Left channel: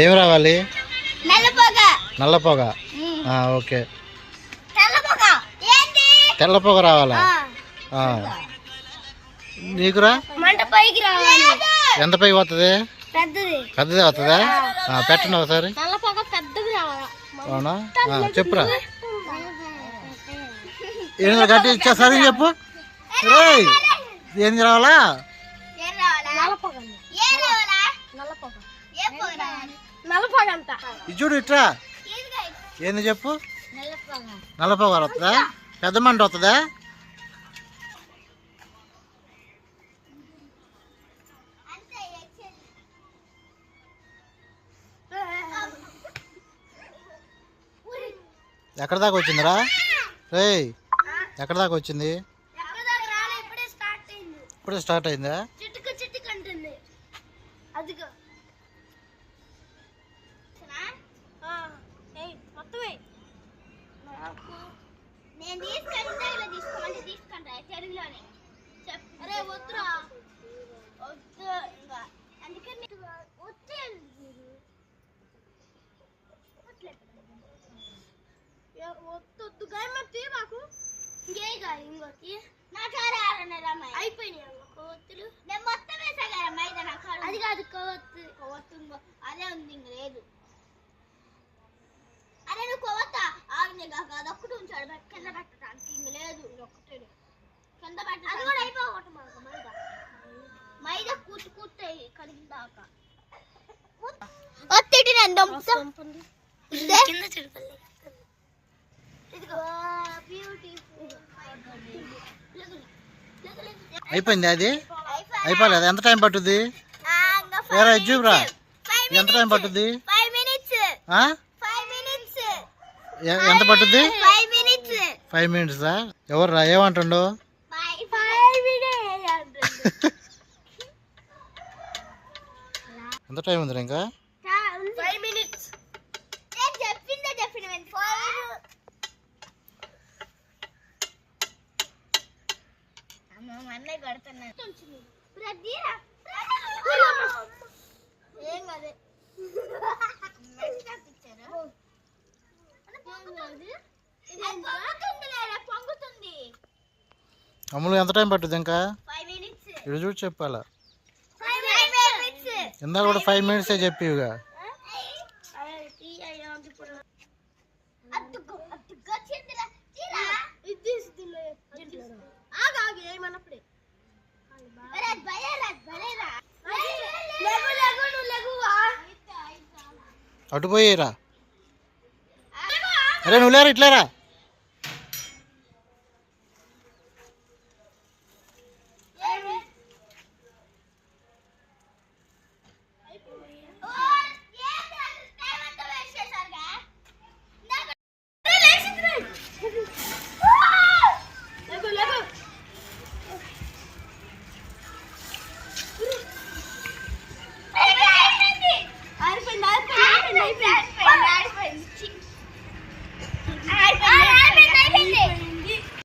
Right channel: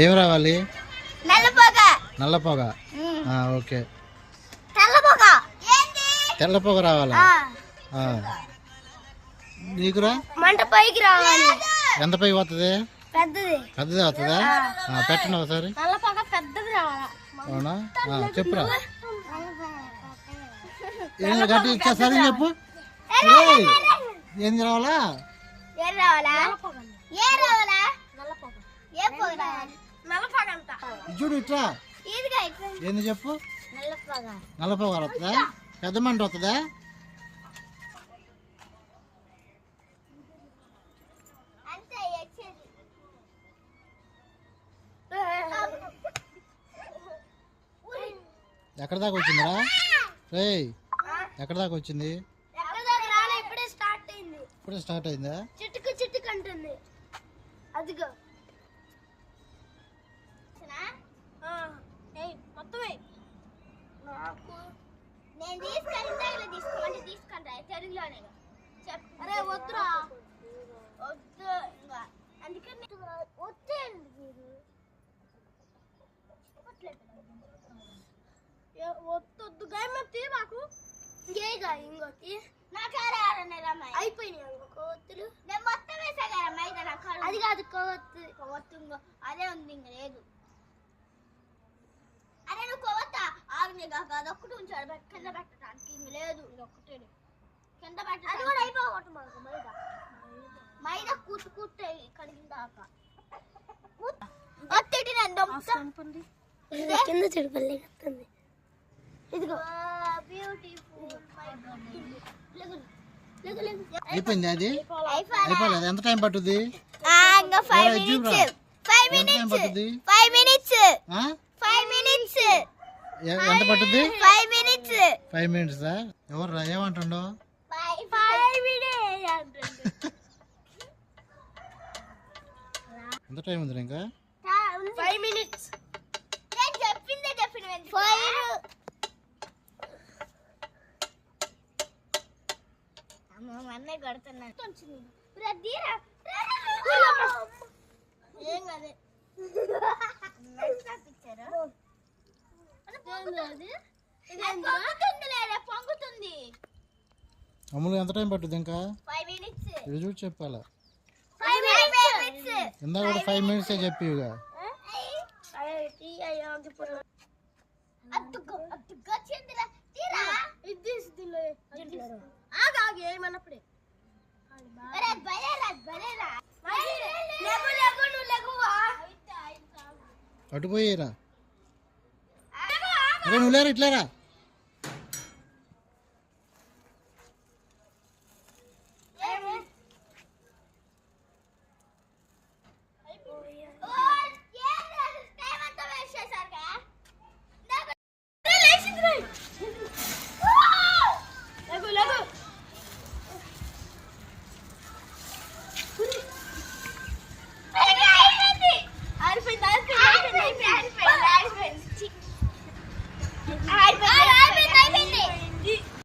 ఏమి రావాలి? నల్ల పొగ. ఓకే, తెల్ల పొగ రావాలా? నీకురా? ఎంత పైకి వస్తుంది? పెద్దది వస్తుందా? పెట్టండి ఒకసారి. అవునా? చెప్పురా. ఏం గట్టి ఇచ్చేసరి చెప్పు. ఏంది రావాలా? చూడు ఇట్రా. ఏంది చెప్పు. నల్ల పొగ వస్తుందా? పెద్ద మంట వస్తుందా? ఎక్కడ దాకా వచ్చిందిరా? రేయ్, ఎక్కడ దాకా వచ్చింది? ఇప్పుడే స్టార్ట్ అయిందా? వద్దు గాయమతి మాకు ఇంకోటి అయిపోయినాయి కొవ్వొత్తులు. నేను మొత్తం వేసా కదా మైదా. నాకు అది కాదు కొవ్వొత్తు అదే ఉంది, ఇంక లేదు. అరే నువ్వు కొవ్వొత్త ఆవిడ కాక అదొక్కటి ఉంచాడు కింద పెట్టడానికి, ఇంక లేదు. ఒక్కటే కింద పెట్ట అది కూడా అయిపోవటం మాకు మైదా కూర్చు కూర్చాయి కడిగిందాక ఒత్తిటి కింద చెడుపల్లి. అయిపోయింది. అది అయిపోలేదు. ఎంత టైం పట్టుద్ది? చూపురా, ఎంత టైం పట్టుద్ది? ఎంత పట్టుద్ది? 5 minutes. ఎవరు రా? ఏమంటుండు? ఎంత టైం ఉంది ఇంకా? 5 minutes. అన్నయ్య కొడుతున్నాను. ఏం కాదు. పొంగుతుంది. అమ్ములు ఎంత టైం పట్టుద్ది ఇంకా? ఇది చూసి చెప్పాలా? ఇందాక కూడా 5 minutes చెప్పిగా. అటు పోయిరా. అరే నువ్వు లేరా, ఇట్లేరా.